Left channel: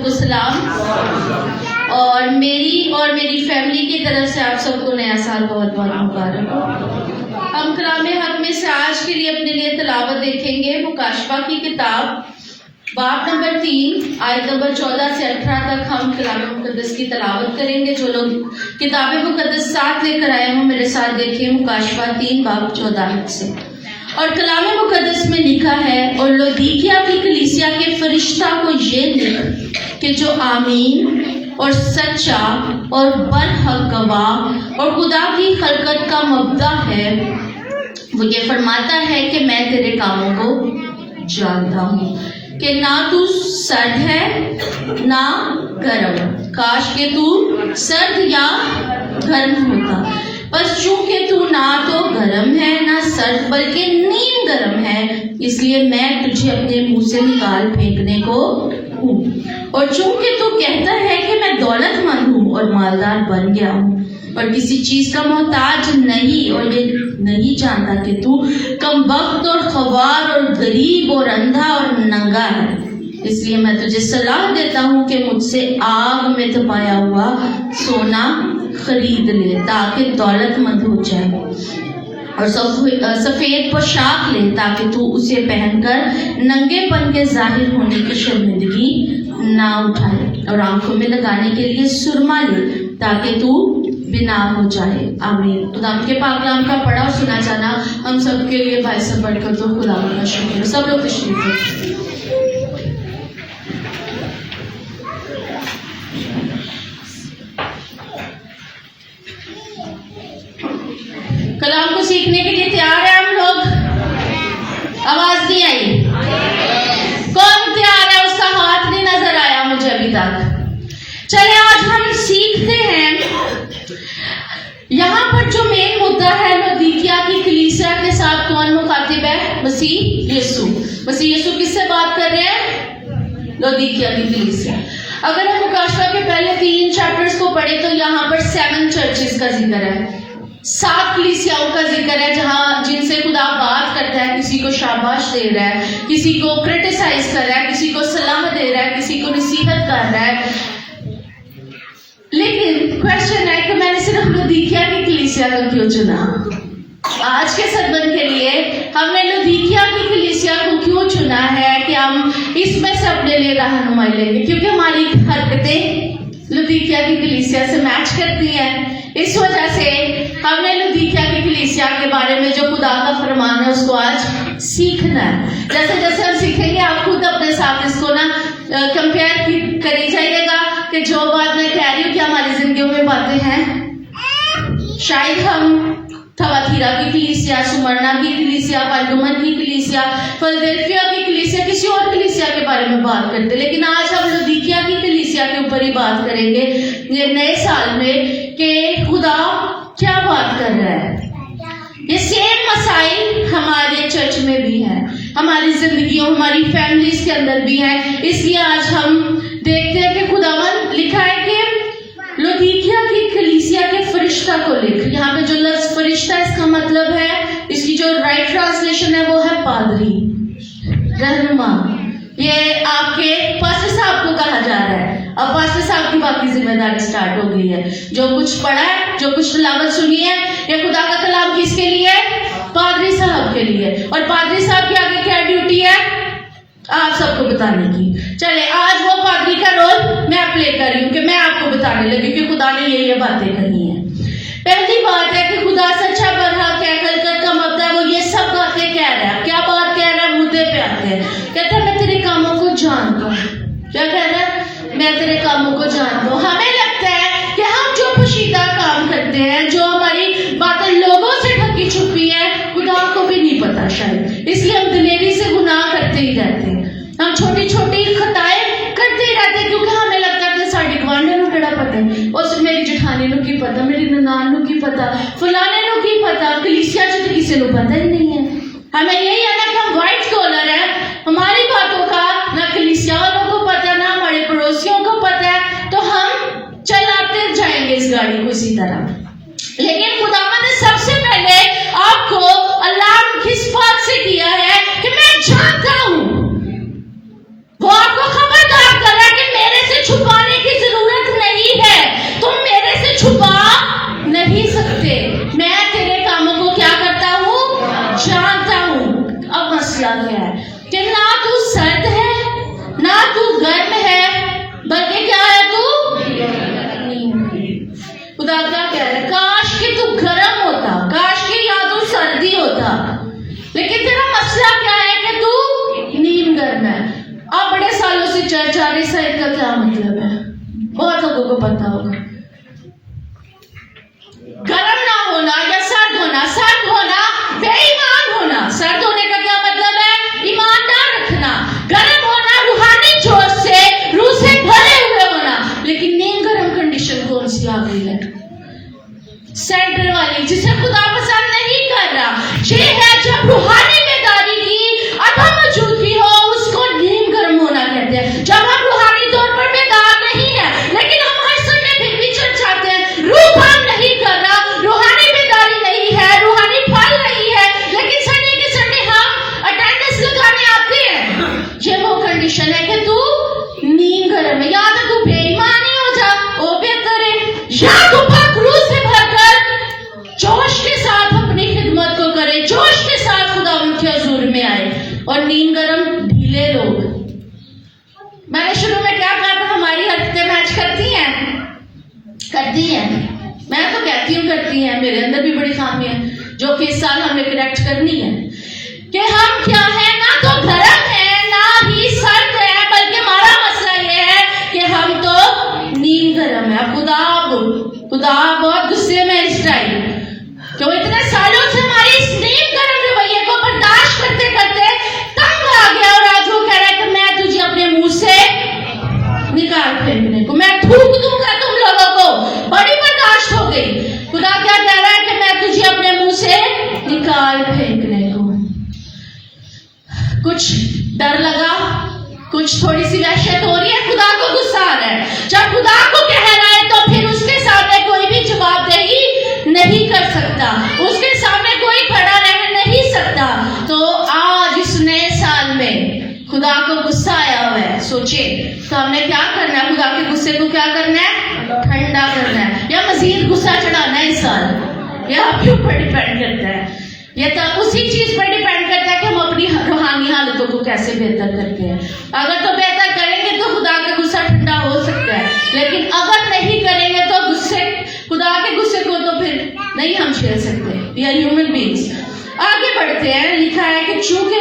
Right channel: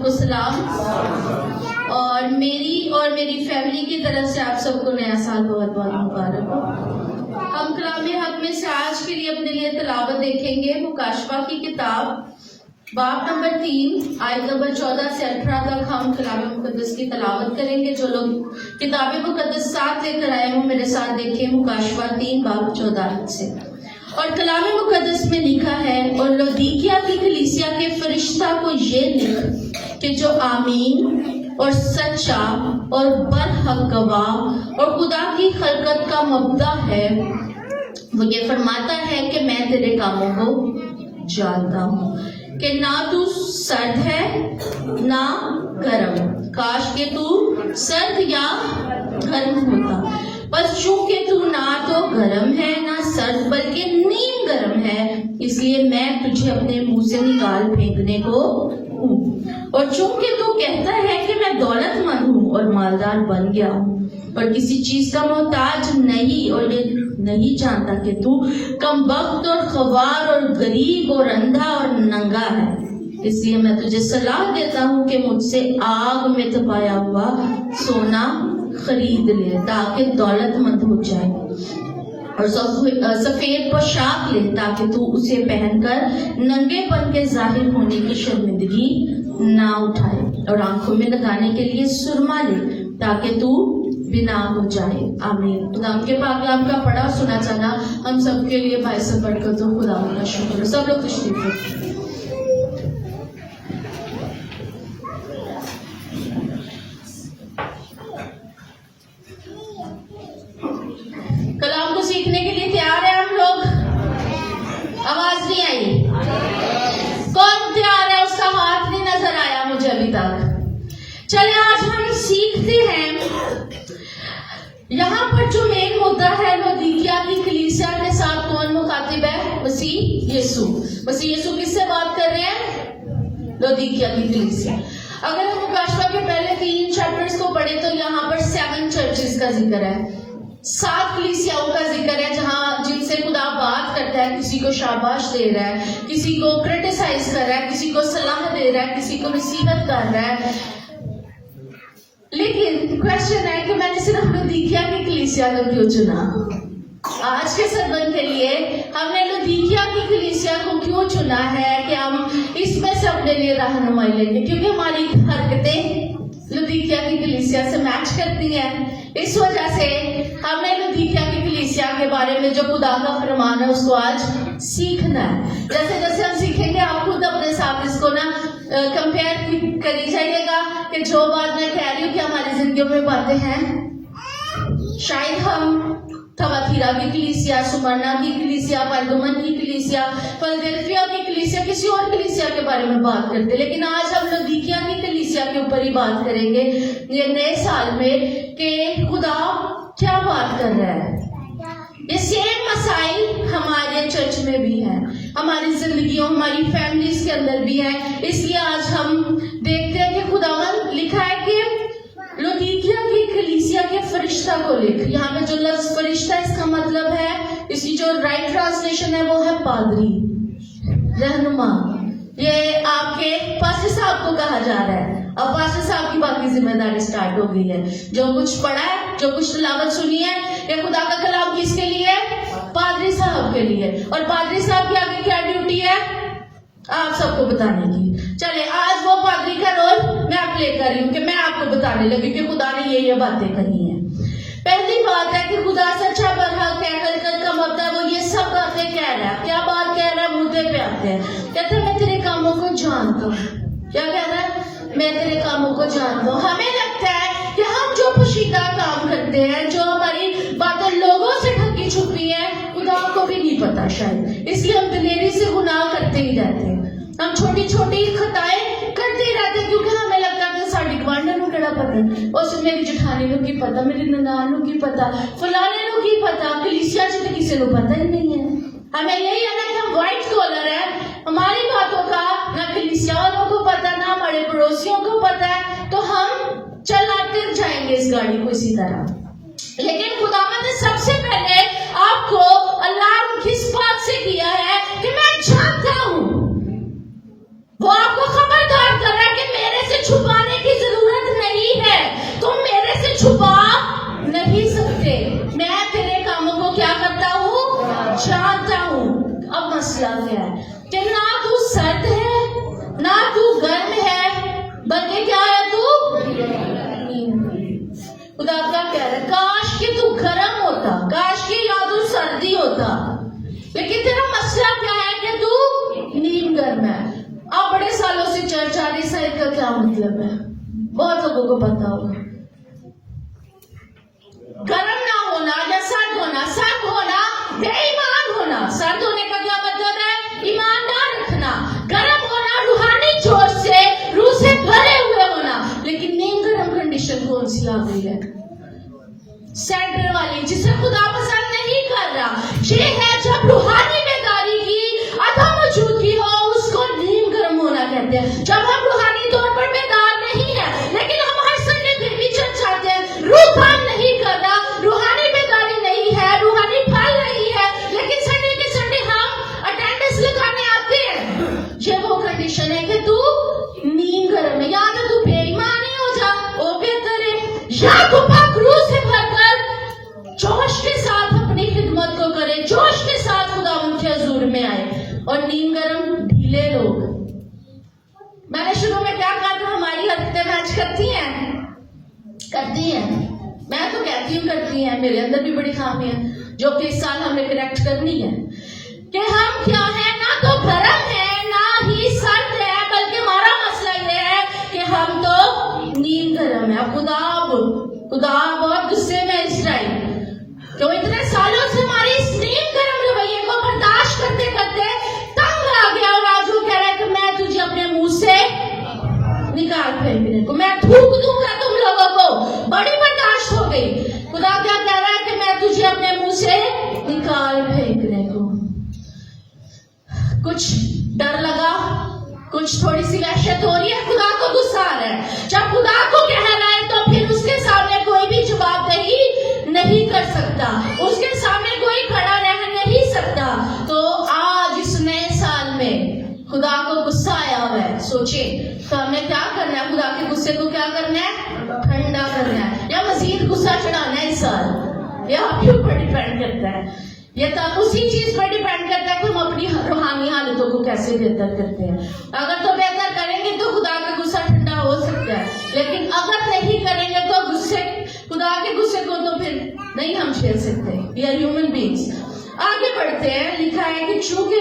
سب کو سلام، اور میری فیملی کی طرف سے آپ سب کو نیا سال بہت بہت مبارک ہو۔ ہم کلام حق میں سے آج کے لیے اپنے لیے تلاوت دیکھیں گے مکاشفہ کی کتاب باب نمبر 3 آیت نمبر 14 سے 18 تک ہم کلام مقدس کی تلاوت کریں گے۔ جو لوگ کتاب مقدس ساتھ لے کر آئے ہوں میرے ساتھ دیکھیے مکاشفہ 3 باب 14 سے۔ اور کلام مقدس میں لکھا ہے، اور لودیکیا کی کلیسیا کے فرشتہ کو یہ لکھ کہ جو آمین اور سچا اور برحق گواہ اور خدا کی خلقت کا مبدع ہے، وہ یہ فرماتا ہے کہ میں تیرے کاموں کو جانتا ہوں کہ نہ تو سرد ہے نہ گرم، کاش کہ تو سرد یا گرم ہوتا، بس چونکہ تو نہ تو گرم ہے نہ سرد بلکہ نیم گرم ہے، اس لیے میں تجھے اپنے منہ سے نکال پھینکنے کو ہوں۔ اور چونکہ تو کہتا ہے کہ میں دولت مند ہوں اور مالدار بن گیا ہوں اور کسی چیز کا محتاج نہیں، اور یہ نہیں جانتا کہ تو کم وقت اور خوار اور غریب اور اندھا اور ننگا ہے، اس لیے میں تجھے صلاح دیتا ہوں کہ مجھ سے آگ میں تپایا ہوا سونا خرید لے تاکہ دولت مند ہو جائے، اور سفید پوشاک لے تاکہ تو اسے پہن کر ننگے پن کے ظاہر ہونے کی شرمندگی نہ اٹھائے، اور آنکھوں میں لگانے کے لیے سرما لے تاکہ تو بنا ہو جائے۔ آمین۔ خدا کے پاک کلام کا پڑھا اور سنا جانا ہم سب کے لیے بھائی سے پڑھ کر تو خدا کا شکر۔ سب لوگ تشریف لے۔ کلام کو سیکھنے کے لیے تیار ہیں ہم لوگ؟ آواز نہیں آئی؟ کون تیار ہے؟ اس کا ہاتھ نہیں نظر آیا مجھے ابھی تک۔ چلے آج ہم سیکھتے ہیں یہاں پر جو مین مدعا ہے لودیکیا کی کلیسیا کے ساتھ کون مخاطب ہے؟ مسیح یسوع۔ مسیح یسوع کس سے بات کر رہے ہیں؟ لودیکیا کی کلیسیا۔ اگر ہم مکاشفہ کے پہلے 3 چیپٹرز کو پڑھیں تو یہاں پر 7 چرچز کا ذکر ہے، 7 کلیسیاؤں کا ذکر ہے جن سے خدا بات کرتا ہے، کسی کو شاباش دے رہا ہے، کسی کو کرٹیسائز کر رہا ہے، کسی کو صلاح دے رہا ہے، کسی کو نصیحت کر رہا ہے۔ لیکن کوشچن ہے کہ میں نے صرف لودیکیا کی کلیسیا کو کیوں چنا؟ آج کے سرمن کے لیے ہم نے لودیکیا کی کلیسیا کو کیوں چنا ہے کہ ہم اس میں سے اپنے لیے رہنمائی لیں گے؟ کیونکہ ہماری حرکتیں لودیکیا کی کلیسیا سے میچ کرتی ہیں۔ اس وجہ سے ہم نے لودیکیا کی کلیسیا کے بارے میں جو خدا کا فرمان ہے اس کو آج سیکھنا ہے۔ جیسے جیسے ہم سیکھیں گے آپ خود اپنے ساتھ اس کو کمپیئر کری جائیے گا کہ جو بات میں کہہ رہی ہوں کہ ہماری زندگیوں میں باتیں ہیں۔ شاید ہم تھواتیرا کی کلیسیا، سمرنا کی کلیسیا، پرگمن کی کلیسیا، فلادلفیا کی کلیسیا، کسی اور کلیسیا کے بارے میں بات کرتے، لیکن آج ہم لودیکیا کی کلیسیا کے اوپر ہی بات کریں گے یہ نئے سال میں کہ خدا کیا بات کر رہا ہے۔ یہ سیم مسائل ہمارے چرچ میں بھی ہیں، ہماری زندگیوں، ہماری فیملیز کے اندر بھی ہیں۔ اس لیے آج ہم دیکھتے ہیں کہ خداوند لکھا ہے کہ لودیکیا کی کلیسیا کے فرشتہ کو لکھ۔ یہاں پہ جو لفظ فرشتہ اس کا مطلب ہے، اس کی جو رائٹ ٹرانسلیشن ہے وہ ہے پادری، رہنما۔ یہ آپ کے پاسٹر صاحب کو کہا جا رہا ہے۔ اب پاسٹر صاحب کی باقی ذمہ داری سٹارٹ ہو گئی ہے۔ جو کچھ پڑھا ہے، جو کچھ تلاوت سنی ہے، یہ خدا کا کلام کس کے لیے ہے؟ پادری صاحب کے لیے۔ اور پادری صاحب کی آگے کیا ڈیوٹی ہے؟ آپ سب کو بتانے کی۔ چلے آج وہ پادری کا رول میں پلے کر رہی ہوں کہ میں آپ کو بتانے لگی کہ خدا نے یہ باتیں کرنی ہیں۔ پہلی بات ہے کہ خدا سچا برحق ہے، خلقت کا مبدع ہے، وہ یہ سب باتیں کہہ رہا ہے۔ کیا بات کہہ رہا ہے؟ مدعے پہ آتے ہیں۔ کہتا ہے میں تیرے کاموں کو جانتا ہوں۔ کیا کہہ رہا ہے؟ میں تیرے کاموں کو جانتا ہوں۔ ہمیں لگتا ہے کہ ہم جو پوشیدہ کام کرتے ہیں، جو ہماری باتیں لوگوں سے ڈھکی چھپی ہے، خدا کو بھی نہیں پتا شاید، اس لیے ہم دلیری سے گناہ کرتے ہی رہتے ہیں۔ ہم چھوٹی چھوٹی خطائیں کرتے ہی رہتے ہیں کیونکہ ہمیں لگتا ہے کہ ساڈی گوانڈیاں نوں کیڑا پتہ ہے، اس میری جٹھانی نوں کی پتہ، میری ننان نوں کی پتہ، فلانے نوں کی پتہ، کلیسیا چ تو کسی نوں پتہ ہی نہیں ہے۔ ہمیں یہی ہے کہ ہم وائٹ کالر ہیں، ہماری باتوں کا نہ کلیسیا والوں کو پتہ نہ ہمارے پڑوسیوں کو پتہ ہے، تو ہم چلاتے جائیں گے اس گاڑی کو اسی طرح۔ لیکن خداوند نے سب سے پہلے آپ کو الارم کس بات سے کیا ہے کہ میں جانتا ہوں۔ وہ آپ کو خبردار کر رہا ہے کہ میرے سے साइड का क्या मतलब है, बहुत लोगों को पता होगा। गर्म ना होना या सर्द होना बेईमान होना। सर्द होने का क्या मतलब है, ईमान ना रखना। गर्म होना रूहानी जोश से, रूह से भरे हुए होना। लेकिन नीम गर्म कंडीशन कौन सी आ गई है, सेंटर वाली, जिसे खुदा पसंद नहीं कर रहा। ये है जब रूहानी बेदारी की अधम मौजूदगी हो, उसको नीम गर्म होना कहते हैं। जब हम रूहानी तौर पर बेदार नहीं है, लेकिन हम हर संडे फिर भी चर्च आते हैं, रूह काम नहीं कर रहा, रूहानी बेदारी नहीं है, रूहानी फल नहीं है, लेकिन संडे के संडे हम अटेंडेंस लगाने आते हैं। ये वो कंडीशन है कि तू नीम गर्म है, या तो तू बेईमान ही हो जा, वो बेहतर है, या तू पाक रूह से भरकर जोश के साथ अपनी खिदमत को करे, जोश के साथ खुदा उनके हुजूर में आए। और नीम गर्म ढीले लोग, मैंने शुरू में क्या कहा था, हमारी हरकतें मैच करती हैं। मैं तो कहती हूँ करती हैं, मेरे अंदर भी बड़ी खामी है जो कि इस साल हमें करेक्ट करनी है कि हम क्या है, ना तो गर्म है ना ही सर्द है, बल्कि हमारा मसला ये है कि हम तो नीम गर्म है। खुदा बहुत गुस्से में इस टाइम, तो इतने सालों से हमारी इस नीम गर्म रवैये को बर्दाश्त करते करते तंग आ गया, और आज वो कह रहा है कि मैं तुझे अपने मुंह से निकाल फेंकने को, मैं थूक दूंगा तुम लोगों को। बड़ी बर्दाश्त हो गई। खुदा क्या कह रहा है कि मैं तुझे अपने मुंह से निकाल फेंकने को। कुछ डर लगा, कुछ थोड़ी सी वहशत हो रही है, खुदा को गुस्सा आ रहा है। जब खुदा को कह रहा है तो फिर उसके सामने कोई भी जवाबदेही नहीं कर सकता, उसके सामने कोई खड़ा रह नहीं सकता। तो आज इस नए साल में खुदा को गुस्सा आया हुआ है, सोचिए तो हमें क्या करना है, खुदा के गुस्से को क्या करना है, ठंडा करना है, या मजीद गुस्सा चढ़ाना है इस साल। यह आपके ऊपर डिपेंड करता है, ये तो उसी चीज पर डिपेंड करता है कि हम अपनी रूहानी हालतों को कैसे बेहतर करते हैं। अगर तो बेहतर करेंगे तो खुदा का गुस्सा ठंडा हो सकता है, लेकिन अगर नहीं करेंगे तो खुदा के गुस्से को तो फिर नहीं हम झेल सकते। We are human beings. आगे बढ़ते हैं, लिखा है कि चूंकि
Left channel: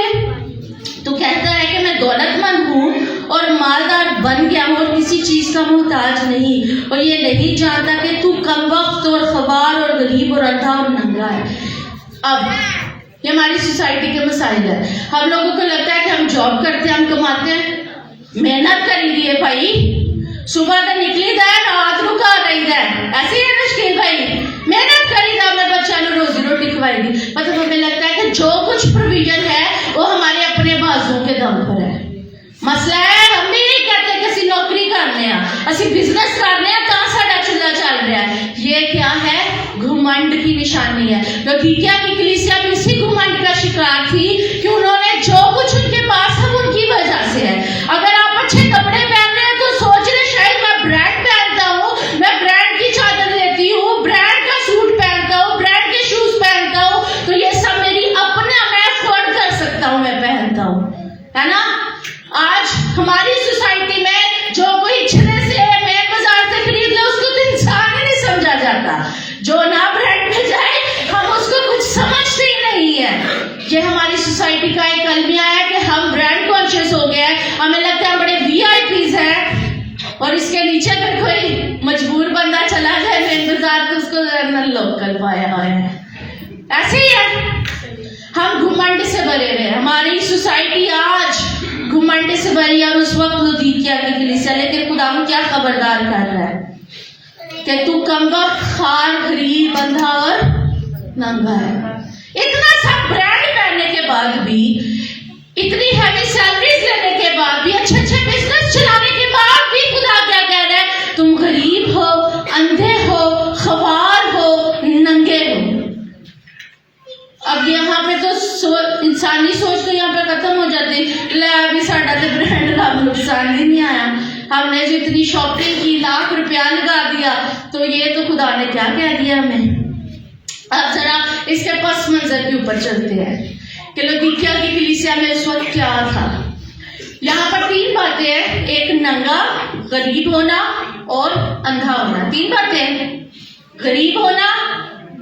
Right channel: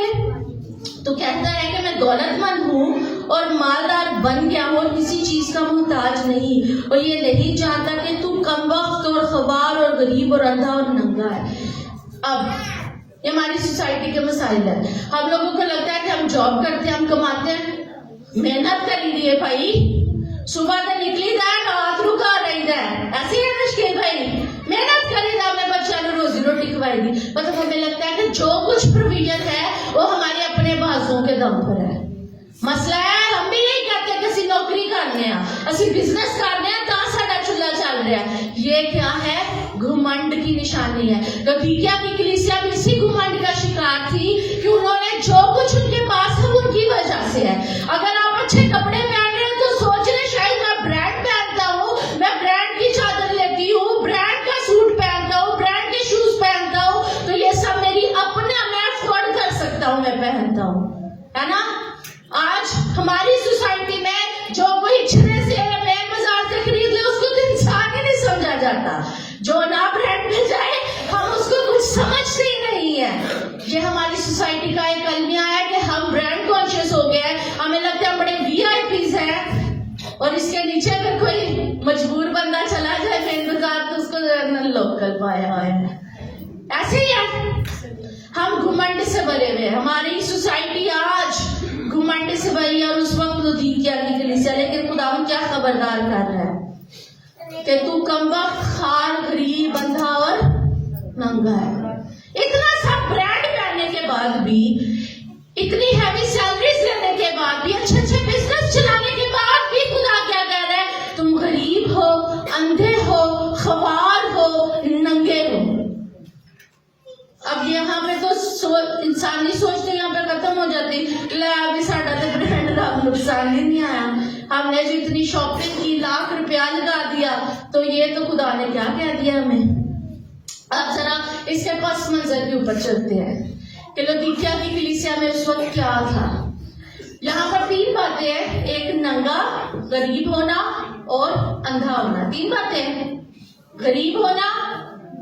तू कहता है कि मैं दौलतमंद हूँ और मालदार बन गया हूँ और किसी चीज का मुहताज नहीं, और ये नहीं जानता कि तू कमबख्त और खबार और गरीब और अंधा और नंगा है। अब ये हमारी सोसाइटी के मसाइल है। हम लोगों को लगता है कि हम जॉब करते हैं, हम कमाते हैं, मेहनत करी दी है भाई, सुबह तो निकली था, रात को कर रही है, ऐसे ही मुश्किल भाई, मेहनत करी था, अपने बच्चों को रोजी रोटी खवाएगी। मतलब हमें लगता है कि जो कुछ प्रोविजन है वो हमारे अपने बाजुओं के दम पर है। मसला है, हम भी नहीं कहते कि असि नौकरी करने हैं, असि बिजनेस करने हैं, कहाँ साडा चूल्हा चल रहा है। ये क्या है, घुमंड की निशानी है। लौदीकिया की कलीसिया भी इसी घुमंड का शिकार थी कि उन्होंने जो कुछ उनके पास है उनकी वजह से है। अगर आप अच्छे कपड़े पहन रहे हैं तो सोच रहे शायद मैं ब्रांड पहनता हूँ, मैं ब्रांड की चादर लेती हूँ, ब्रांड का सूट पहनता हूँ, ब्रांड के शूज पहनता हूँ, तो ये सब मेरी अपना, मैं अफोर्ड कर सकता हूँ, मैं पहनता हूँ, है ना। आज हमारी सोसाइटी में जो कोई इच्छने से मेन बाजार से खरीद ले उसको तो इंसान ही नहीं समझा जाता, जो ना ब्रांड में जाए हम उसको कुछ समझते ही नहीं है। ये हमारी सोसाइटी का एक अलमिया है कि हम ब्रांड कॉन्शियस हो गए हैं, हमें लगता है बड़े वीआईपीज हैं, और इसके नीचे अगर कोई मजबूर बंदा चला जाए मेन बाजार तो उसको लोकल पाया हुआ है। ऐसे ही है, हम घुमंड से भरे हुए, हमारी सोसाइटी आज घुमंड से भरी है। और उस वक्त लौदीकिया की कलीसिया, लेकिन खुदा को क्या खबरदार कर रहा है कि तू कमबख्त, खार, गरीब, अंधा और नंगा है। इतना सब ब्रांड पहनने के बाद भी, इतनी हैवी सैलरीज लेने के बाद भी, अच्छे अच्छे बिजनेस चलाने के बाद भी खुदा क्या कह रहा है, तुम गरीब हो, अंधे हो, खवार हो, नंगे हो। अब यहाँ पे तो इंसानी सोच तो यहाँ पे खत्म हो जाती, अभी साडा तो ब्रांड का नुकसान ही नहीं आया, हमने जो इतनी शॉपिंग की, लाख रुपया लगा दिया, तो ये तो खुदा ने क्या कह दिया हमें। अब जरा इसके पस मंजर के ऊपर चलते हैं कि लौदीकिया की कलीसिया में उस वक्त क्या था। यहाँ पर 3 बातें हैं, एक नंगा, गरीब होना और अंधा होना। 3 बातें, गरीब होना,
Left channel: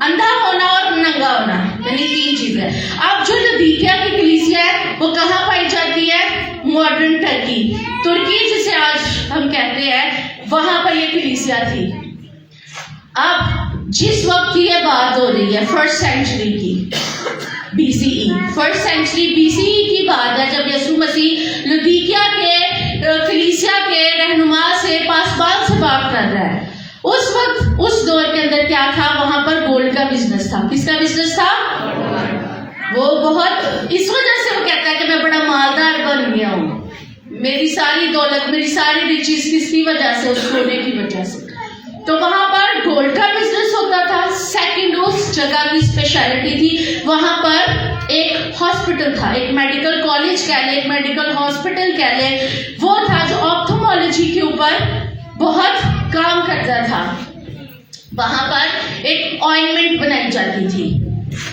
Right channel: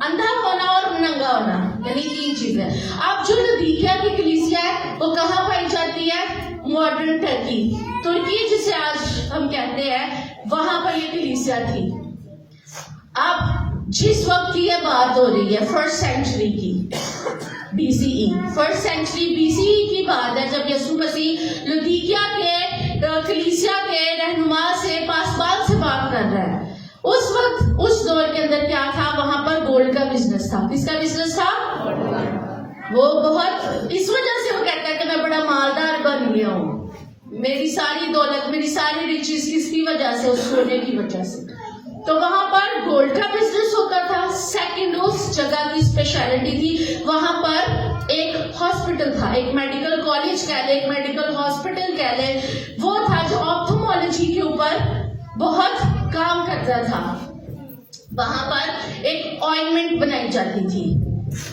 अंधा होना और नंगा होना, यानी 3 चीजें। अब जो लौदीकिया की कलीसिया है वो कहाँ पाई जाती है, मॉडर्न टर्की, तुर्की जिसे आज کلیسیا تھی. اب جس وقت کی یہ بات ہو رہی ہے فرسٹ سینچری کی BCE، فرسٹ سینچری BCE کی بات ہے، جب یسوع مسیح لودیکیا کے کلیسیا کے رہنما سے پاسبان سے بات کر رہا ہے. اس وقت اس دور کے اندر کیا تھا؟ وہاں پر گولڈ کا بزنس تھا. کس کا بزنس تھا؟ وہ بہت، اس وجہ سے وہ کہتا ہے کہ میں بڑا مالدار بن گیا ہوں، میری ساری دولت، میری ساری ریچیز کس کی وجہ سے؟ اس سونے کی وجہ سے. تو وہاں پر گولڈ کا بزنس ہوتا تھا. سیکنڈ اس جگہ کی اسپیشلٹی تھی، وہاں پر ایک ہاسپٹل تھا، ایک میڈیکل کالج کہہ لیں، ایک میڈیکل ہاسپٹل کہہ لیں، وہ تھا جو آپتھومالوجی کے اوپر بہت کام کرتا تھا. وہاں پر ایک آئنمنٹ بنائی جاتی تھی،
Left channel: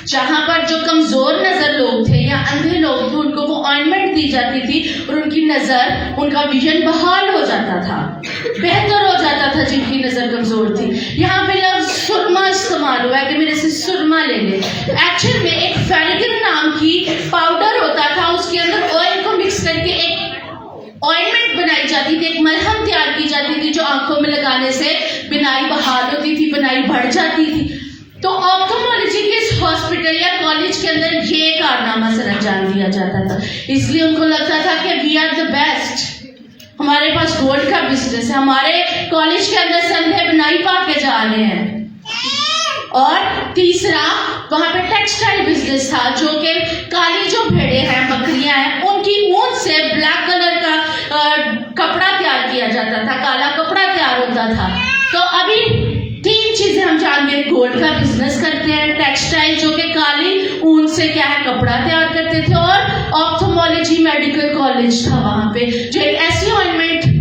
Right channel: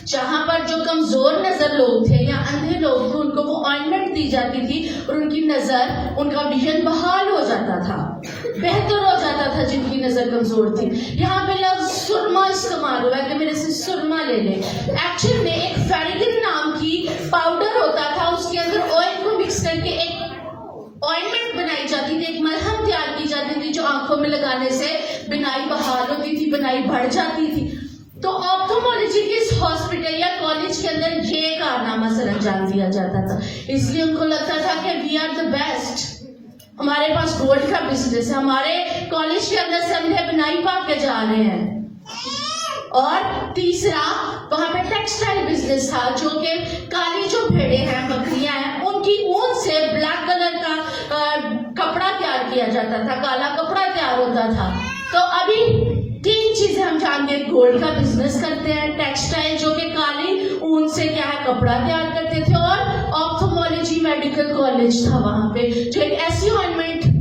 جہاں پر جو کمزور نظر لوگ تھے یا اندھے لوگ تھے ان کو وہ آئنمنٹ دی جاتی تھی اور ان کی نظر، ان کا ویژن بحال ہو جاتا تھا، بہتر ہو جاتا تھا جن کی نظر کمزور تھی. یہاں پہ لفظ سرما استعمال ہوا ہے کہ میرے سے سرما لے لے. ایکچوئل میں ایک فیلگن نام کی پاؤڈر ہوتا تھا، اس کے اندر آئل کو مکس کر کے ایک آئنمنٹ بنائی جاتی تھی، ایک ملہم تیار کی جاتی تھی جو آنکھوں میں لگانے سے بینائی بحال ہوتی تھی، بینائی بڑھ جاتی تھی. تو آپتھومالوجی کے اس ہاسپٹل یا کالج کے اندر یہ کارنامہ سر انجام دیا جاتا تھا. اس لیے ان کو لگتا تھا کہ وی آر دا بیسٹ، ہمارے پاس گولڈ کا بزنس ہے، ہمارے کالج کے اندر سے اندھے بنائی پا کے جا رہے ہیں. اور تیسرا وہاں پہ ٹیکسٹائل بزنس تھا، جو کہ کالی جو بھیڑیں ہیں، بکریاں ہیں، ان کی اون سے بلیک کلر کا کپڑا تیار کیا جاتا تھا، کالا کپڑا تیار ہوتا تھا. تو ابھی تین چیزیں ہم جانتے ہیں، گولڈ کا بزنس کرتے ہیں، ٹیکسٹائل جو کہ کالی اون سے کیا ہے کپڑا تیار کرتے تھے، اور آپتھومالوجی میڈیکل کالج تھا وہاں پہ جو ایک ایسی آئنمنٹ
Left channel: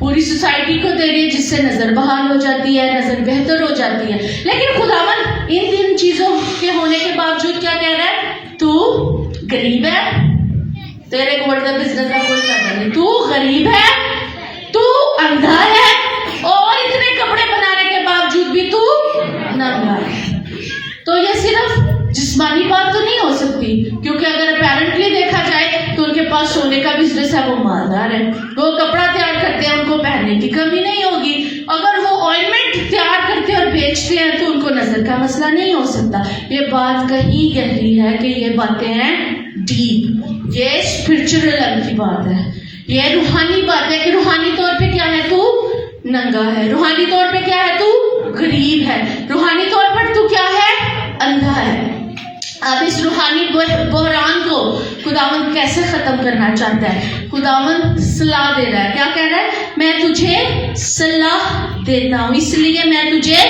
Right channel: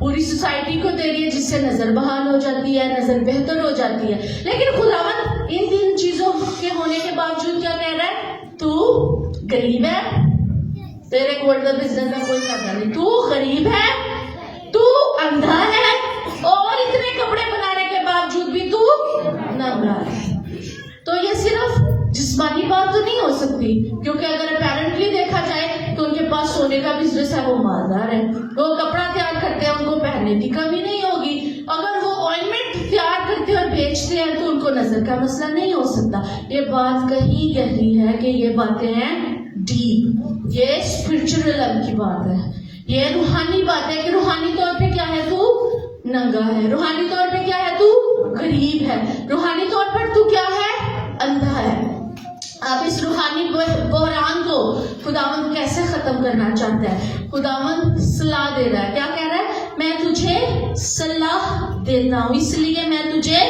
پوری سوسائٹی کو دے رہی ہے جس سے نظر بحال ہو جاتی ہے، نظر بہتر ہو جاتی ہے. لیکن خداوند ان تین چیزوں کے ہونے کے باوجود کیا کہہ رہا ہے؟ تو غریب ہے، تیرے گولڈ کا بزنس کا کوئی فائدہ نہیں، تو غریب ہے، تو اندھا ہے، اور اتنے کپڑے بنانے کے باوجود بھی تو ننگا ہے. تو یہ صرف جسمانی بات تو نہیں ہو سکتی، کیونکہ اگر اپیرنٹلی دیکھا جائے تو ان کے پاس سونے کا بزنس ہے، وہ مالدار ہے، وہ کپڑا تیار کرتے ہیں، ان کو پہننے کی کمی نہیں ہوگی. اگر وہ آئنمنٹ تیار کرتے اور بیچتے ہیں تو ان کو نظر کا مسئلہ نہیں ہو سکتا. یہ بات کہیں گہری ہے کہ یہ باتیں ہیں ڈیپ، یہ اسپرچل علم کی بات ہے، یہ روحانی بات ہے کہ روحانی طور پہ کیا ہے تو ننگا ہے، روحانی طور پہ کیا ہے تو غریب ہے، روحانی طور پر تو کیا ہے اندھا ہے. اب اس روحانی بحران کو خداوند کیسے ختم کرنا چاہتا ہے؟ خداوند صلاح دے رہا ہے. کیا کہہ رہا ہے؟ میں تجھے صلاح دیتا ہوں، اس لیے میں تجھے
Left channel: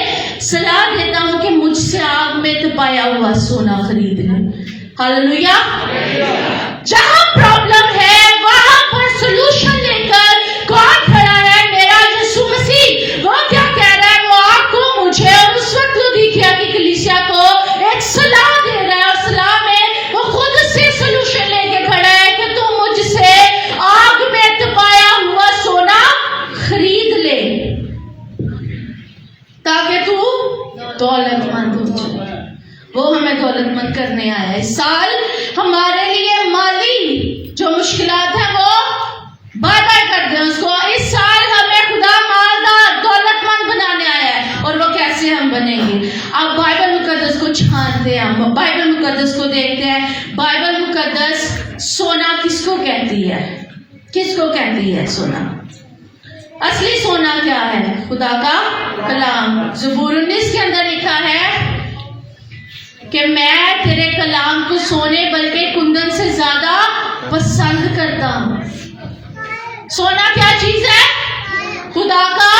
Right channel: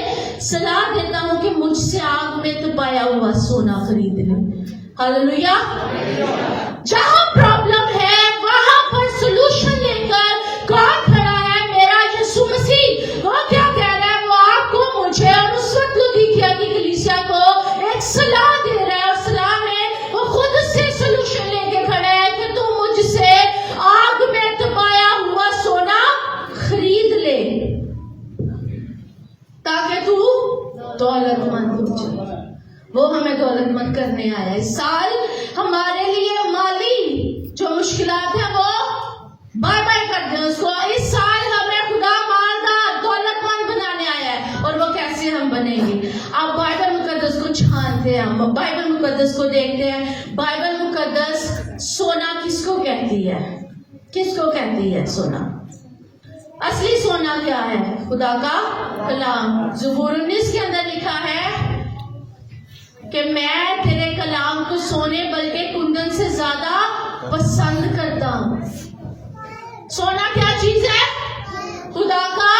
صلاح دیتا ہوں کہ مجھ سے آگ میں تپایا ہوا سونا خرید لے. ہاللویا. جہاں پرابلم ہے وہاں پر سولوشن لے کر کون کھڑا ہے؟ میرا یسوع مسیح. وہ کیا کہہ رہا ہے؟ وہ آپ کو، مجھے اور اس وقت لودیکیا کی کلیسیا کو ایک صلاح دے رہا ہے، اور صلاح میں وہ خود سے سولوشن لے کے کھڑا ہے کہ تو مجھ سے آگ میں تپایا ہوا سونا خرید لے تاکہ تو دولت مند ہو جائے. وہ ہمیں دولت مند کرنے آیا ہے. اس سال ہمارے لیے مالی جو مشکلات ہیں وہ بائے بائے کر دیں اس کو. اس سال ہمیں خدا مالدار دولت مند بنانے آیا ہے. اور وہ کیسے ہم بنیں گے؟ اب بائبل مقدس کو چھانتے ہیں، ہم بائبل مقدس کو دیکھتے ہیں. بائبل مقدس سونا کس کو کہتی ہے؟ کس کو کہتی ہے سونا؟ اصلی سونا کیا ہے؟ خدا کا کلام. زبور 19 کے اندر لکھا ہے کہ میں تیرے کلام کو سونے بلکہ کندن سے زیادہ پسند کرتا ہوں. سونا کیا چیز ہے؟ خدا کا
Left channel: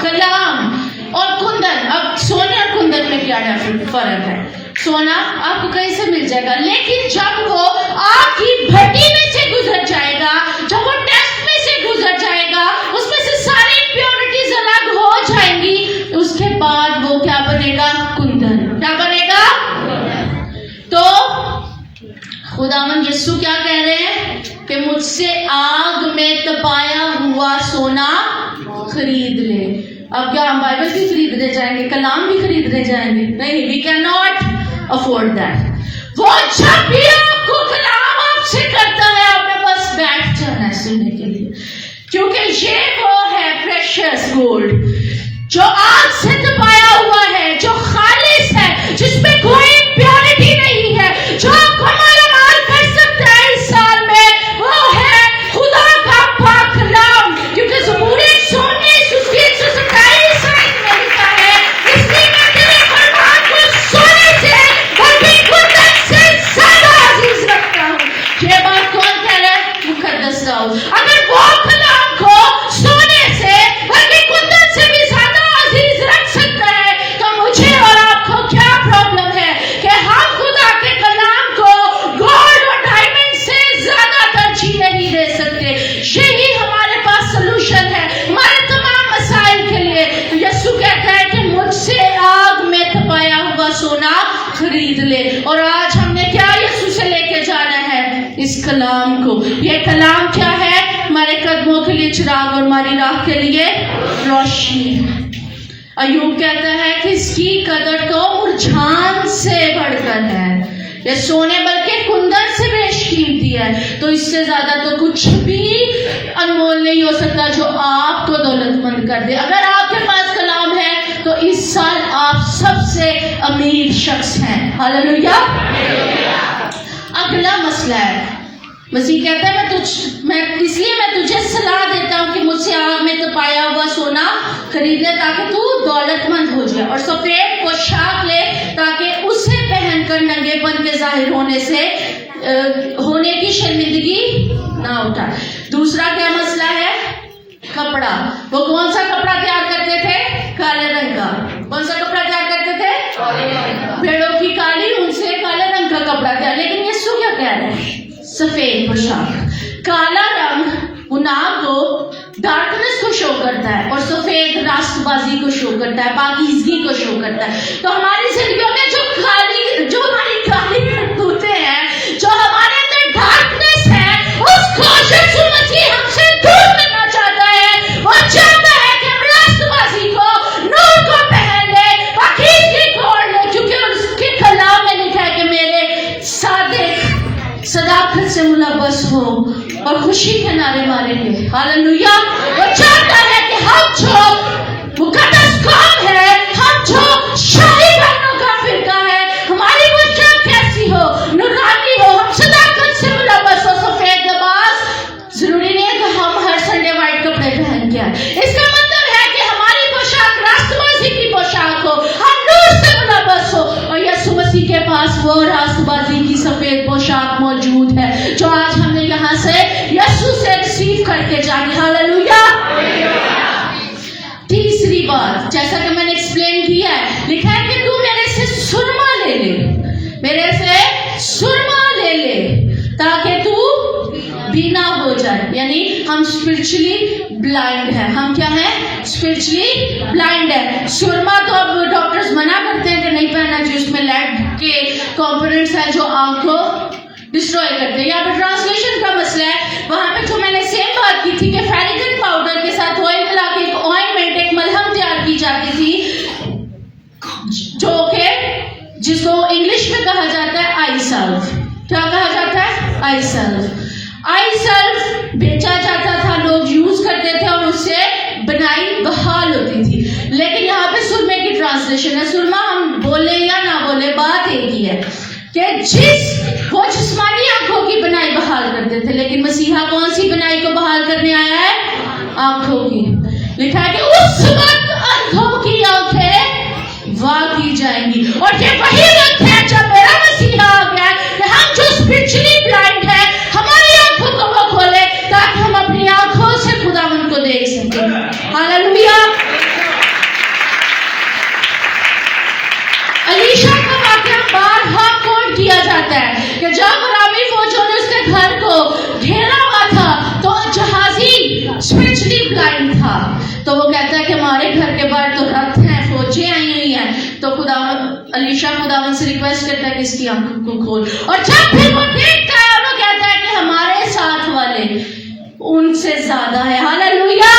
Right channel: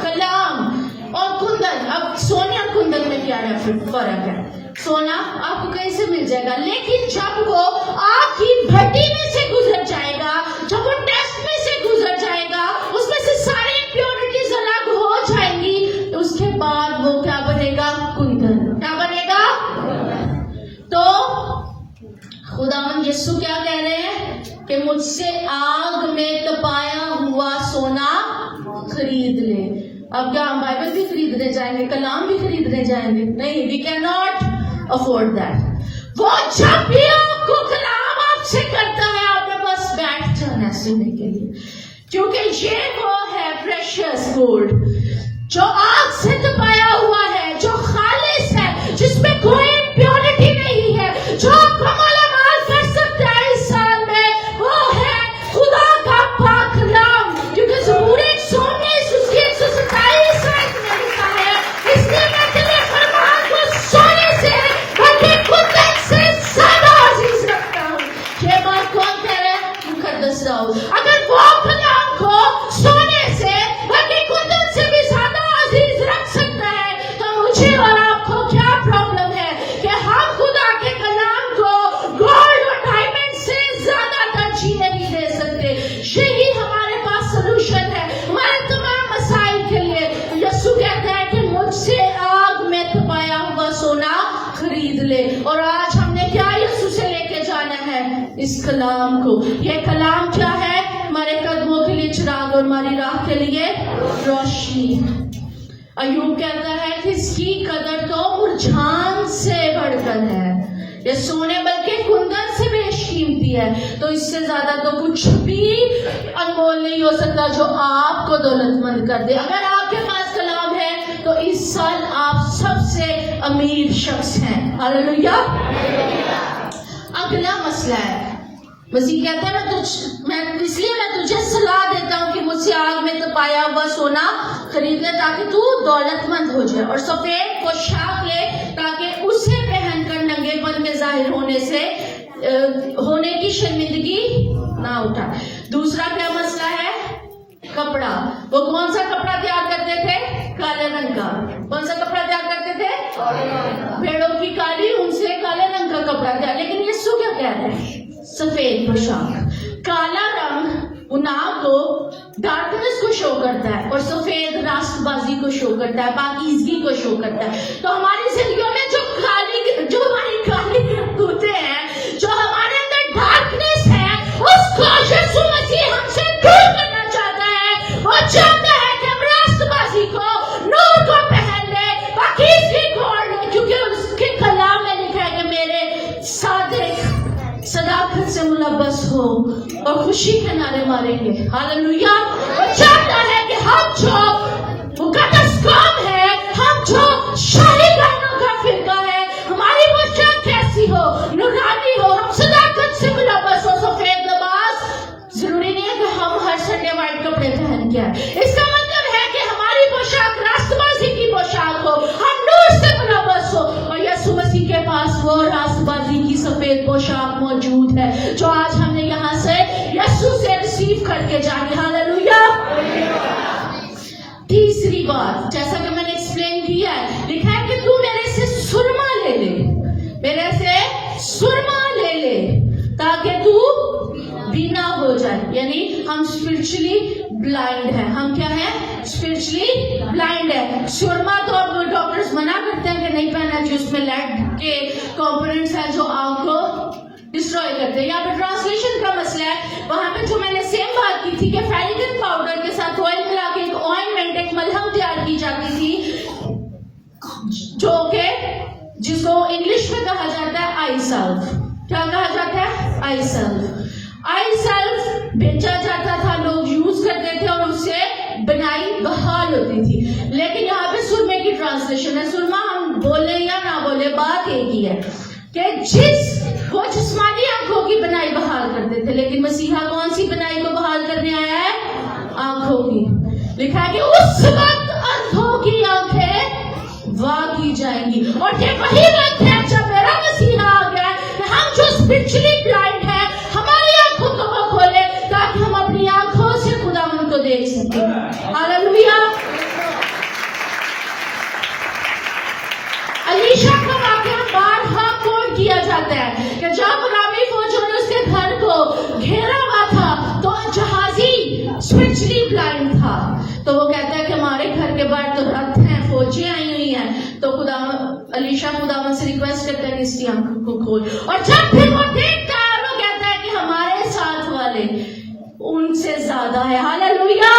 کلام اور کندن. اب سونے اور کندن میں کیا فرق ہے؟ سونا آپ کو کہیں سے مل جائے گا، لیکن جب وہ آگ کی بھٹی میں سے گزر جائے گا، جب وہ ٹیسٹ میں سے گزر جائے گا، اس میں سے ساری امپیورٹیز الگ ہو جائیں گی، اس کے بعد وہ کیا بنے گا؟ کندن. کیا بنے گا؟ تو خداوند یسوع کیا کہہ رہے ہیں کہ مجھ سے آگ میں تپایا ہوا سونا خرید لے. اب کیا ہم بائبل بھی خریدنے جائیں گے؟ کلام بھی خریدنے جائیں گے؟ نہیں. We can not afford that. وہ جب بھی آپ کو کلام آپ سے کرتا ہے آپ نے بس بیٹھ جانا ہے سننے کے لیے، کیونکہ یہ وہ ہے پریشیس گولڈ जो आग से तपाया हुआ है, जो खालिस है, जिसमें कोई प्योरिटी नहीं है, जो कमाल अमाल कर सकता है इस साल में, वो है खुदा का पाक कलाम। क्योंकि ज़बूर 119 उसकी 127 आयत में लिखा है, इसलिए मैं तेरे फरमान को सोने से बल्कि कुंदन से ज्यादा अजीज रखता हूँ। ये बात कौन कह रहा है? मुकद्दस दाऊद। अगर वो कलाम को सोने से बल्कि कुंदन से भी ज्यादा अजीज रख सकता है, तो मुझे और आपको क्या प्रॉब्लम है कि हम खुदा के कलाम को गोल्ड और डायमंड से ज्यादा तरजीह नहीं दे सकते। यही हमारे पास सलूशन है हमारे तमाम मसाइल के लिए। तो यीशु कहता है कि मुझसे आग में तपाया हुआ सोना खरीद ले। और आज हमने क्या यीशु से लेके जाना है? इस कलाम को। ये कलाम क्या है? हमारे कदमों के लिए चिराग और हमारी राह के लिए रोशनी है। अयूब कहता है कि इसकी कदर तो मुरझान से बढ़कर है, ये सोने बल्कि कुंदन से बेशकीमती है। तो इससे ज्यादा तो कुछ भी अनमोल नहीं हो सकता जो आपको दौलतमंद कर दे। अगर आपके पास कलाम है तो इस साल आप सबसे अमीर शख्स हैं। हालेलुया। अगला मसला है, मसीह कहता है इसलिए मैं तुझे सलाह देता हूँ कि मुझसे आग में तपाया हुआ सोना खरीद ले ताकि तू दौलतमंद हो जाए, और सफेद पोशाक ले ताकि उसे पहनकर नंगेपन के जाहिर होने की शर्मिंदगी ना उठाए। दूसरा क्या मसला है? कपड़ा। वो कौन सा कपड़ा तैयार करते थे? काले रंग का। कौन सा कपड़ा तैयार करते थे? भेड़ों की काली ऊन से काले रंग का कपड़ा तैयार। लेकिन यीशु क्या कह रहे हैं? सफेद पोशाक। काला रंग गुनाह को, डार्कनेस को शो करता है, और सफेद रास्तबाजी को शो करता है, पाकीज़गी को शो करता है। तो हमारी जिंदगियों में जो हमारी काली करतूतें हैं, जो हमारे अंदर डार्कनेस है, उसको यीशु मसीह हमसे दूर करना चाहता है। वो चाहता है कि हम रास्तबाजी को, नूर को पहन ले, पाकीज़गी को ओढ़ ले, क्योंकि उसके कलाम में लिखा है कि मेरे सादिक सदाकत से मुलव्वस हो और खुशी के नारे मारेंगे। हालेलुया। वो चाहता है कि हम जो मुकद्दस कौम है, हम जो शाही बहनों का फिरका है, हमारी पोशाक कैसी हो? नूरानी हो, हम सदाकत से मुलव्वस हो। सफेद लिबास जरूरी नहीं है कि हम हर संडे व्हाइट कपड़े पहन के आए। इसका मतलब है कि हमारी पोशाक रास्तबाजी की पोशाक हो, हम नूर से मुलव्वस हो। और यीशु मसीह के पास वो रास्तबाजी की सफेद पोशाक मौजूद है जो आज हमें यहाँ से यीशु से रिसीव करके जाएंगे। हालेलुया। तीसरी बात, जैसा कि मैंने एक्सप्लेन किया है, लिखा है कि तू मेरे से सुरमा ले ले, मेरे से सुरमा ले ले ताकि तू बीना हो जाए। यानी हम स्पिरिचुअली ब्लाइंड है। हम क्या है? स्पिरिचुअली ब्लाइंड है। सुरमा तो अब डॉक्टर्स मना करते हैं कि नहीं पहनना चाहिए, उसमें लेड के कंपोनेंट्स हैं जो आंख को डिस्ट्रॉय करते हैं। यहाँ पर ट्रांसलेशन का मसला है। वहां पे तो मैंने सेम बात की थी कि फेरिगन पाउडर के साथ ऑयल मिला के एक ऑइंटमेंट, एक मलहम तैयार की जाती थी, जो कि जिसको इंग्लिश में कहा जाता है आई सल्व। क्या कहा जाता है? आई सल्व। आई सल्व बेचा जाता था, लोग यूज करते थे और उससे बनाई बहाल होती थी। लेकिन यहाँ पे सुरमे की ट्रांसलेशन है। सुरमा हम बोले या ना बोले, बात एक ही है कि वो जिस्मानी आंखों की बनाई बहाल करते थे, लेकिन मसीहा कौन सी बनाई को बहाल करने आया है? आंखों की। लिखा है कि उस वक्त अंधों की आंखें वाह की जाएंगी। और ये वही वक्त है जब मेरा मसीहा आ गया कि हम जो स्पिरिचुअली ब्लाइंड है, हमारी आंखों को वो खोले ताकि हम अपनी आंखों से खुदावंद को देख सकें। हालेलुया। अलीशा का वाकया बारहा कोट किया जाता है कि जब अरामी फौजों ने उसके घर को घेरा हुआ था तो जहाजी स्पिरिचुअली ब्लाइंड था। तो वो कहता है कि हमारे घर के बाहर तो रथ हैं, फौजें आई हुई हैं। तो अलीशा खुदावन से रिक्वेस्ट करता है कि इसकी आंखों को खोल। और जब भी वो देखता है वो कहता है कि हमारे साथ वाले उनसे ज्यादा है। हालेलुया।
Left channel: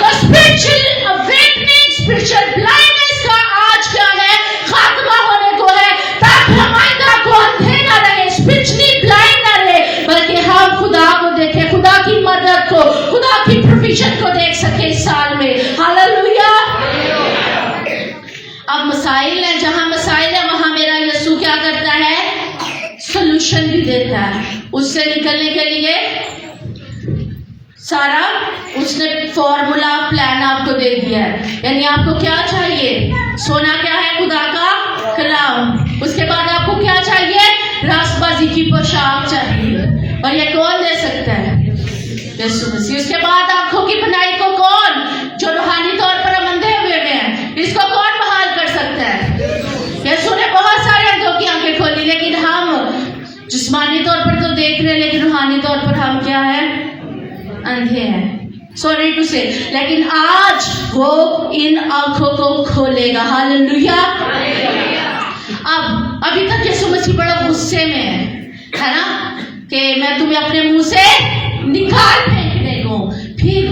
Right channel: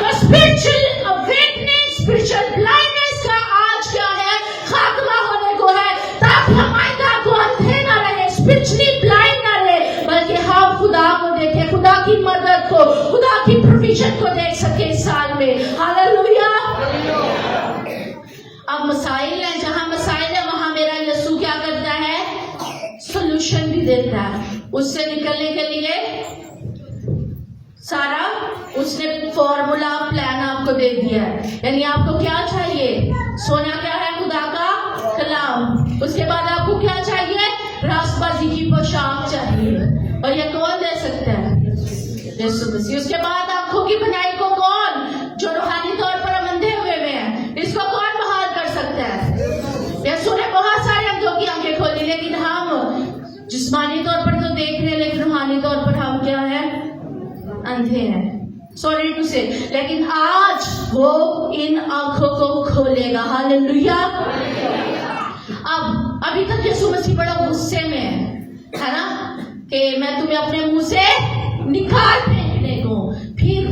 तो स्पिरिचुअल अवेकनिंग, स्पिरिचुअल ब्लाइंडनेस का आज क्या है? खात्मा होने को है, ताकि हम आइंदा को अंधे ना रहे, स्पिरिचुअली ब्लाइंड ना रहे, बल्कि हम खुदा को देखें, खुदा की मदद को, खुदा की प्रोविजन को देख सके इस साल में। हालेलुया। उससे निकलने के लिए सारा उसने फॉर्मूला प्लान आपको दे दिया है। यानी आपको क्या चाहिए? सोना क्या है? खुदा का कलाम। उसके बाद आपको क्या चाहिए? रास्तबाजी की पोशाक चाहिए। और ये कौन दे सकता है? यीशु मसीह। उसके बाद आंखों की बनाई को कौन, जो रूहानी तौर पर हम अंधे हुए हैं, इसको कौन बहाल कर सकता है? यीशु ने बहुत सारे अंधों की आंखें खोली, लेकिन हम जिस्मानी तौर पर तो देख रहे हैं, लेकिन रूहानी तौर पर हम क्या है? अंधे हैं। सॉरी टू से, लेकिन आज वो इन आंखों को खोलेगा। हालेलुया। अब अभी तक यीशु मसीह बड़ा गुस्से में है ना, कि मैं तुम्हें अपने मुंह से निकाल फेंकने को। फिर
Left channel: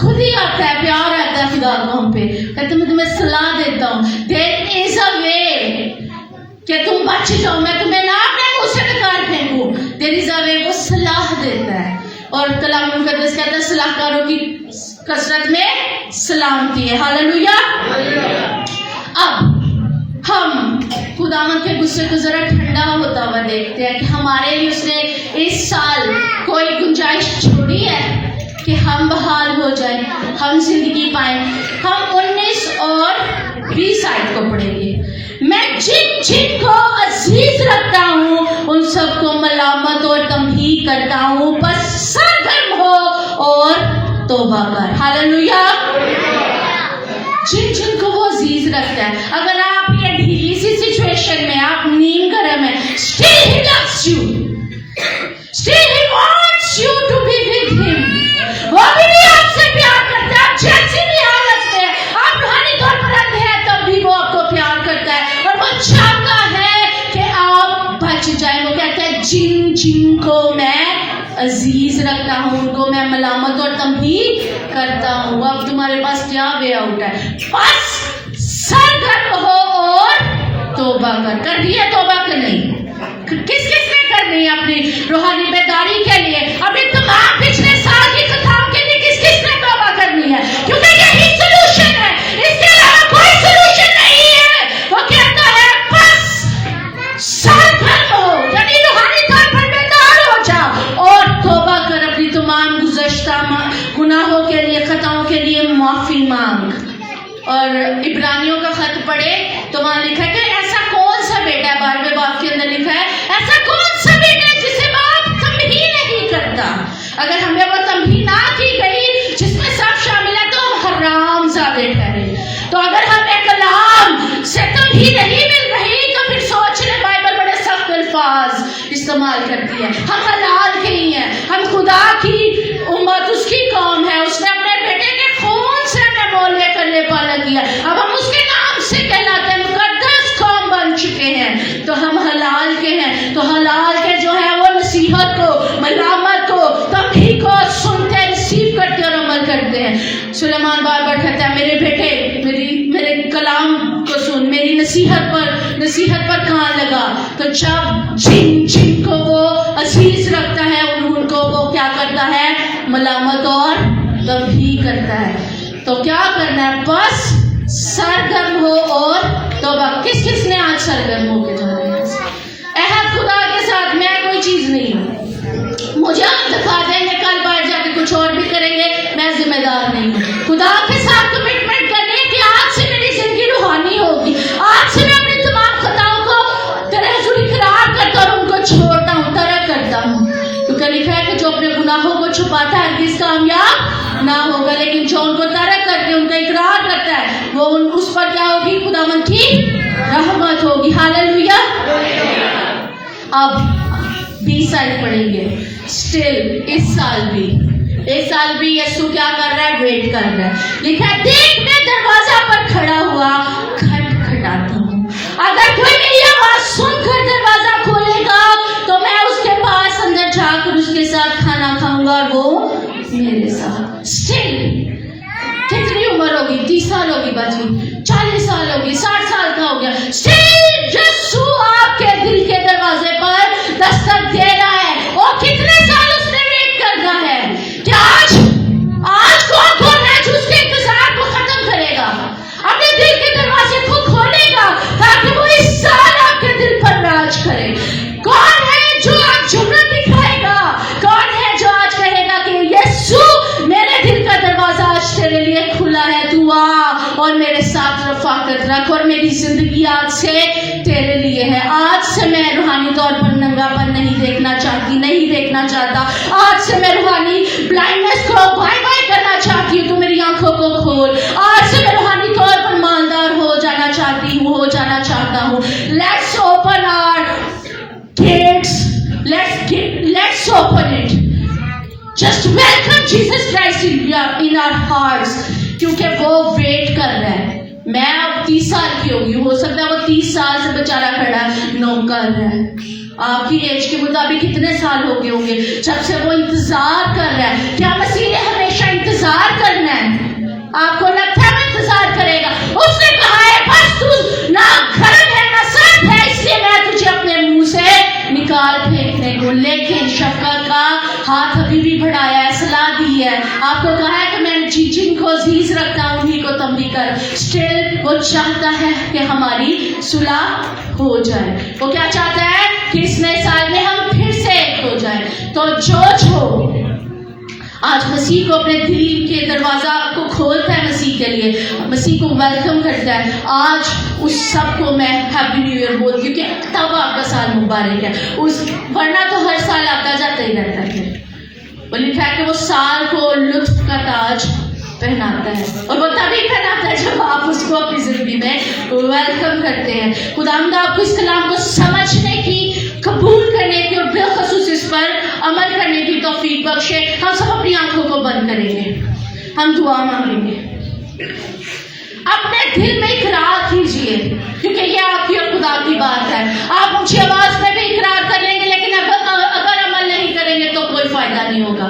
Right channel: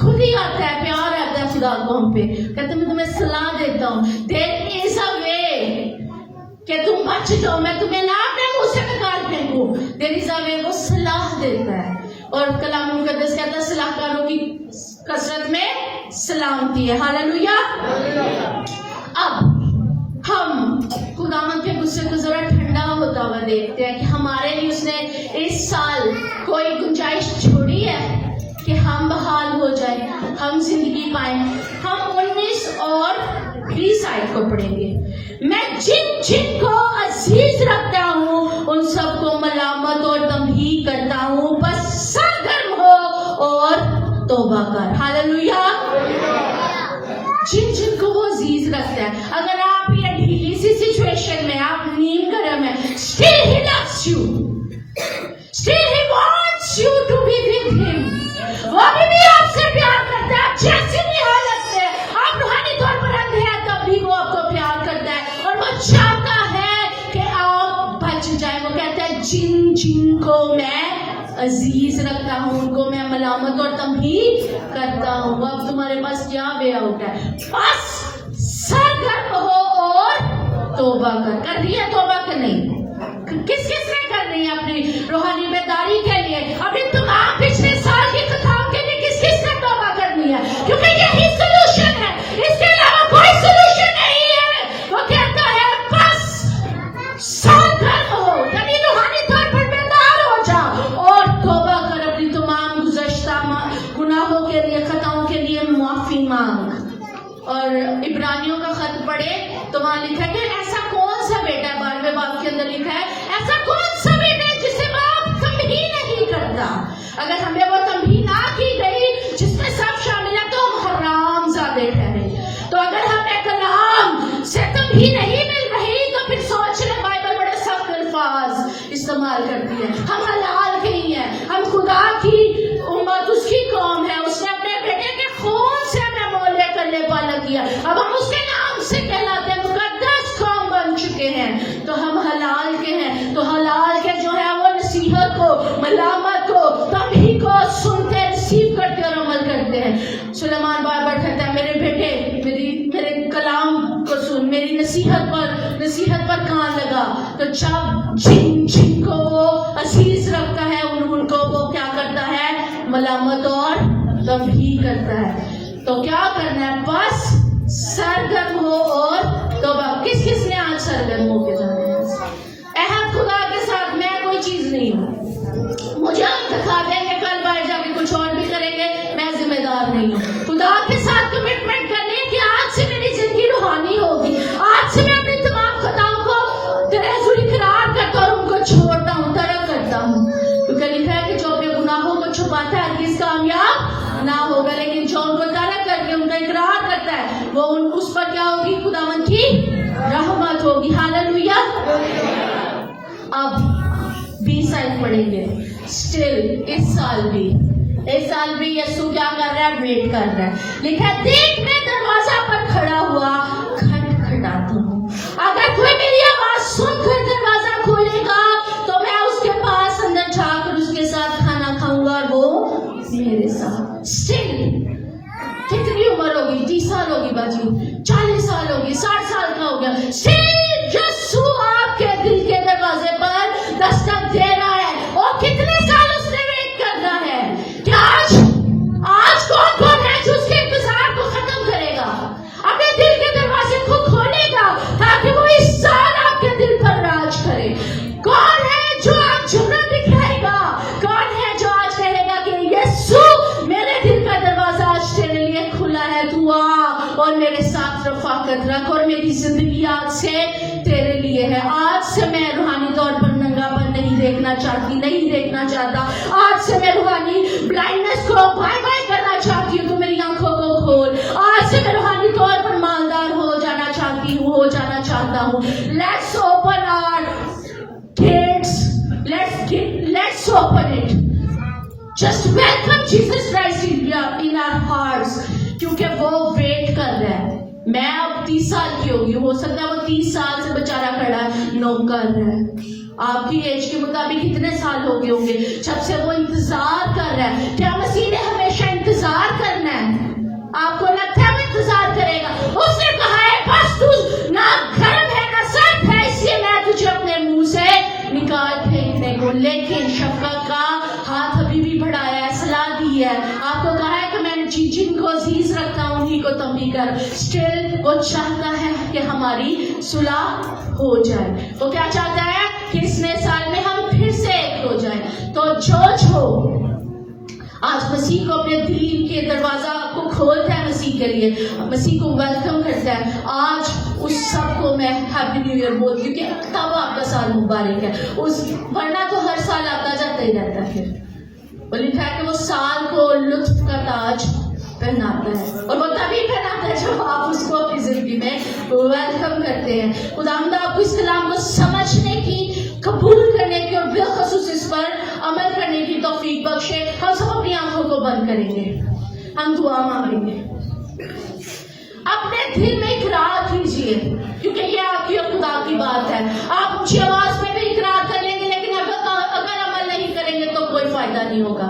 खुद ही आता है, प्यार आता है खुदा को हम पे, कहते मैं तुम्हें सलाह देता हूँ। देयर इज अ वे कि तुम बच जाओ, मैं तुम्हें ना अपने मुंह से निकाल फेंकूं। देयर इज अ वे, वो सलाह देता है। और कलाम मुकद्दस कहता है सलाहकारों की कसरत में सलामती है। हालेलुया। अब हम खुदावंद के गुस्से को जरा ठंडा होता हुआ देखते हैं कि हमारे लिए उसने इस साल कोई गुंजाइश छोड़ी है कि हम बहाल हो जाए, हम जिंदगी पाएं। हम 19 और 20 आयत को पढ़ेंगे। मैं जिन जिन को अजीज रखता हूँ उन सबको मलामत और तमहीद करता हूँ, बस सरगर्म हो और तौबा कर। हालेलुया। जिन जिन को वो अजीज रखता है। अगर आप ये ढीली सी सिचुएशन में, आप नीम गरम है, still he loves you, still he wants you to be with him। वो भी आपसे प्यार करता है। जैसी भी हालत में आप रूहानी तौर पर आते हैं, तब भी वो आपको प्यार करता है और वो चाहता है कि आप बच जाए। वो कहता है जिन जिन को मैं अजीज रखता हूँ उनको मैं मलामत और तमहीद करता हूँ। अब तुम्हारे पास क्या वे आउट है? बस सरगर्म हो और तौबा कर रही है। तौबा कर नहीं, किस किस ने करनी है अपनी रूहानी बेदारी के लिए? अभी तमाम पिछले साल की कथाओं के लिए किस किस ने तौबा करनी है? क्योंकि यही सलूशन है, इसके अलावा कोई सलूशन नहीं है। वो कहता है बस सरगर्म हो, यानी रूहानी तौर पर बेदार हो जाओ और तौबा कर। अपनी तमाम गुज़श्ता गुनाहों के लिए, खताओं के लिए माफी मांग। और इब्रानियों का खत पढ़े तो वहां लिखा है कि ऐसा कौन सा बेटा है, 12वें बाब के अंदर लिखा है, ऐसा कौन सा बेटा है जिसे बाप तमहीद नहीं करता। अगर हमें वो तमहीद ना की गई जिसमें सब शामिल है तो हम हरामजादे ठहरे। तो अगर हमें कलाम से तमहीद नहीं मिल रही तो फिर सोच ले, बाइबल बड़े सख्त अल्फाज इस्तेमाल करती है। हम हलाल के ही हैं, हम खुदा की उम्मत, उसकी कौम है। उसने अपने बेटे के खून से हमें मोल लेकर ले पाला किया। अब हम उसके नाम से कहलाते हैं, मुकद्दस कौम बन चुके हैं। तो हम हलाल के हैं। तो हलाल के जो है वो नसीहत को, मलामत को, तमहीद को सुनते, रिसीव करते और अमल करते हैं। सुलेमान बार बार कहता है मेरे बेटे मेरे कलाम को सुन, मेरी नसीहत पर कान लगा। तो जब जिन जिन को वो अजीज रखता है उनको वो क्या करता है? मलामत और तमहीद करता है। तो क्या करना है? बस सरगर्म हो और तौबा। किस किस ने आज सरगर्म हो के जाना है? अहद खुदा के साथ मैं कोई चीज नहीं हूँ, मुझे आप दिखा देंगे, कल बाहर जाके कुछ और भी करेंगे, मैं जिम्मेदार नहीं हूँ। खुदा के साथ कमिटमेंट करनी है कि आज से मेरी जिंदगी रूहानी होगी, आज से मैं अपनी तमाम खताओं को तेरे हुजूर इकरार करता और उनको छोड़ता हूँ, तरक करता हूँ। क्योंकि लिखा है कि जो अपने गुनाहों को छुपाता है हरगिज़ कामयाब ना होगा, लेकिन जो उनको तरक करके उनका इकरार करता है वो उस पर क्या होगी? खुदावंद की रहमत होगी। हालेलुया। अब 20 आयत पढ़ेंगे। स्टिल इस साल भी यीशु क्या कर रहा है? वेट कर रहा है। लिखा है देख मैं दरवाजा पर खड़ा हुआ खटखटाता हूँ, अगर कोई मेरी आवाज सुनकर दरवाजा खोलेगा तो मैं उसके पास अंदर जाकर उसके साथ खाना खाऊंगा और वो मेरे साथ। स्टिल कितनी उम्र होगी? 30 साल होगी बाजी, 40 साल होगी, 60 साल का हो गया। स्टिल यीशु आपके दिल के दरवाजे पर दस्तक दे रहा है। और कितने साल उसने वेट करना है? क्या आज कौन है जो उसके इंतजार को खत्म करेगा? अपने दिल के दरवाजे को खोलेगा ताकि वो इस साल आपके दिल पर राज करे। कौन है जो आज जुर्रत दिखाएगा और मेरे साथ रफाकत रख, और मेरी जिंदगी आज से तेरे लिए है। आज से मैं रूहानी तौर पर नंगापन नहीं देखना चाहती, नहीं देखना चाहता। आज से मैं रूहानी ब्लाइंडनेस को बाय बाय करना चाहती हूँ। तू मेरी आंखों को खोल। आज से मैं रूहानी तौर पर मालदार हो जाना चाहती हूँ, हो जाना चाहता हूँ। Let's open our gates, let's open it. Just welcome Jesus Christ in our hearts, क्योंकि वो वेट कर रहा है। मैं अब 30 साल की होगी, हो सकता है वो 30 साल से बेचारा खड़ा नोक कर रहा है। आपकी एज के मुताबिक कितने साल हो गए होंगे जब से वो इंतजार कर रहा है। क्या मसीह ने हमेशा इंतजार करना है? आपको लगता है वो इंतजार करेगा? उसने कहा है बस तू ना गर्म है ना सर्द है, इसलिए मैं तुझे अपने मुंह से निकाल फेंकने को। लेकिन शफकत का हाथ अभी भी बढ़ाया है, सलाह दी है, आपको कहा है कि मैं जिनको अजीज रखता हूं उन्हीं को तुम भी कर। स्टिल वो चाहता है कि हमारी सुलह हो जाए। वो क्या चाहता है कि इस नए साल में हम फिर से एक हो जाए। तो जो आज मसीह को अपने दिल के दरवाजा को खोलता है, मसीह के लिए, मसीह को वेलकम करता है, आज उस सब को मैं हैप्पी न्यू ईयर बोल, क्योंकि तब आपका साल मुबारक है। उस वरना तो हर साल आता जाता ही रहता है। वो लिखा है कि वो साल को लुत्फ का ताज पहनाता है, और वो तभी पहनाता है जब आप उसको अपनी जिंदगी में वेलकम करते हैं। खुदावंद आपको इस कलाम को समझने की, कबूल करने की और बिलखसूस इस पर अमल करने की तौफीक बख्शे। हम सब अपनी आंखों को बंद करेंगे, हम दुआ मांगेंगे। अपने दिल में इकरार कीजिए, क्योंकि ये आपकी और खुदा की बात है। आप ऊंची आवाज में भी इकरार कर लेंगे, लेकिन अगर अमल नहीं करेंगे तो कोई फायदा नहीं होगा।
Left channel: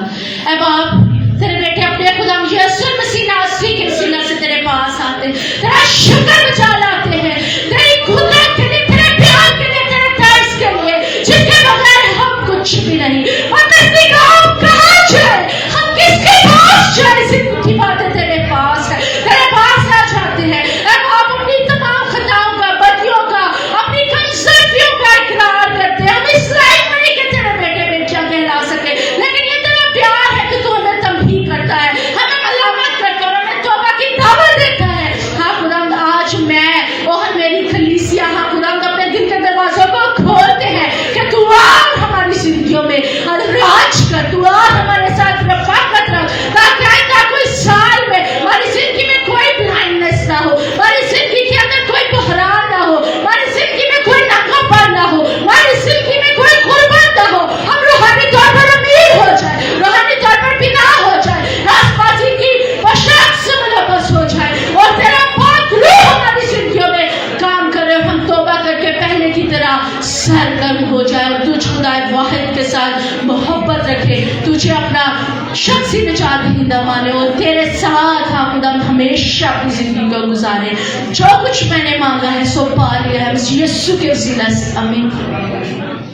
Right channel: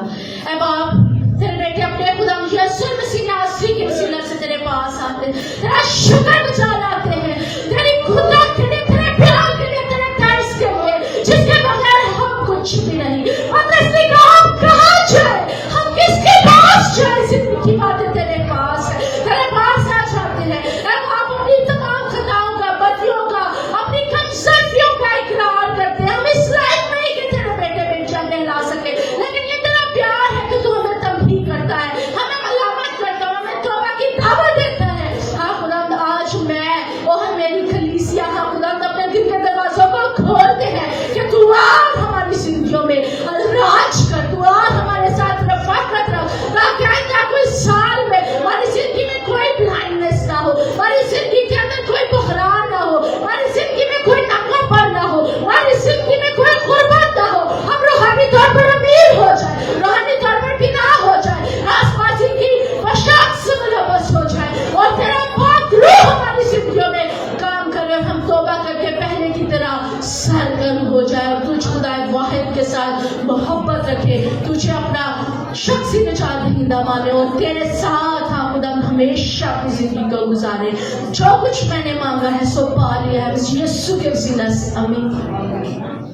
अब आप तेरे बेटे अपने खुदा यीशु मसीह नासरी के वसीला से तेरे पास आते हैं, तेरा शुक्र गुजार लाते हैं, तेरी खुदा के लिए, तेरे प्यार के लिए, तेरे दर्द के लिए, जिसके बगैर हम कुछ भी नहीं। हम कहाँ जाए, हम किसके पास जाए? जिंदगी की बातें तेरे पास है, तेरे पास आ जाते हैं। अब आप अपनी तमाम खताओं का, बदियों का, अपनी कमजोरियों का इकरार करते हैं। हम इस लायक नहीं कि तेरे बेटे बेटियां कहला सके, लेकिन ये तेरा प्यार है कि तू हमें तंबीह करता है, हमें मलामत करता है, हमें तौबा की दावत देता है। हाँ खुदावंद, आज मैं और मेरी कलीसिया, हाँ खुदावंद, अपने दिल के दरवाजों को खोलते हैं कि तू आ हमारी जिंदगियों में राज कर, तू आ हमारे साथ रफाकत रख, ताकि आइंदा कोई साल में हमारी जिंदगी में कोई ब्लाइंडनेस ना हो, हमारी जिंदगी के अंदर कोई बहरान ना हो, हमारी जिंदगी में कोई नाकामपन ना हो, हमारी जिंदगी में कोई गुर्बत ना हो। हम रूहानी तौर पर अमीर हो जाए, रूहानी तौर पर बिना हो जाए, रास्तबाजी की पोशाक से मुलव्वस हो जाए, और तेरा पाक रूह हमारी जिंदगियों में काम करे, और हम तौबा करके पहले की तरह सरगर्म हो जाए, और तुझ खुदाए वाहिद के साथ मोहब्बत रखे, तुझे अपना शख्सी निजात दहिंदा माने, और तेरे साथ हाँ खुदा हमेशा अपनी जिंदगी को गुजारे। जो कुछ मैंने मांगा है सो पा लिया है, यीशु के वसीला से, आमीन।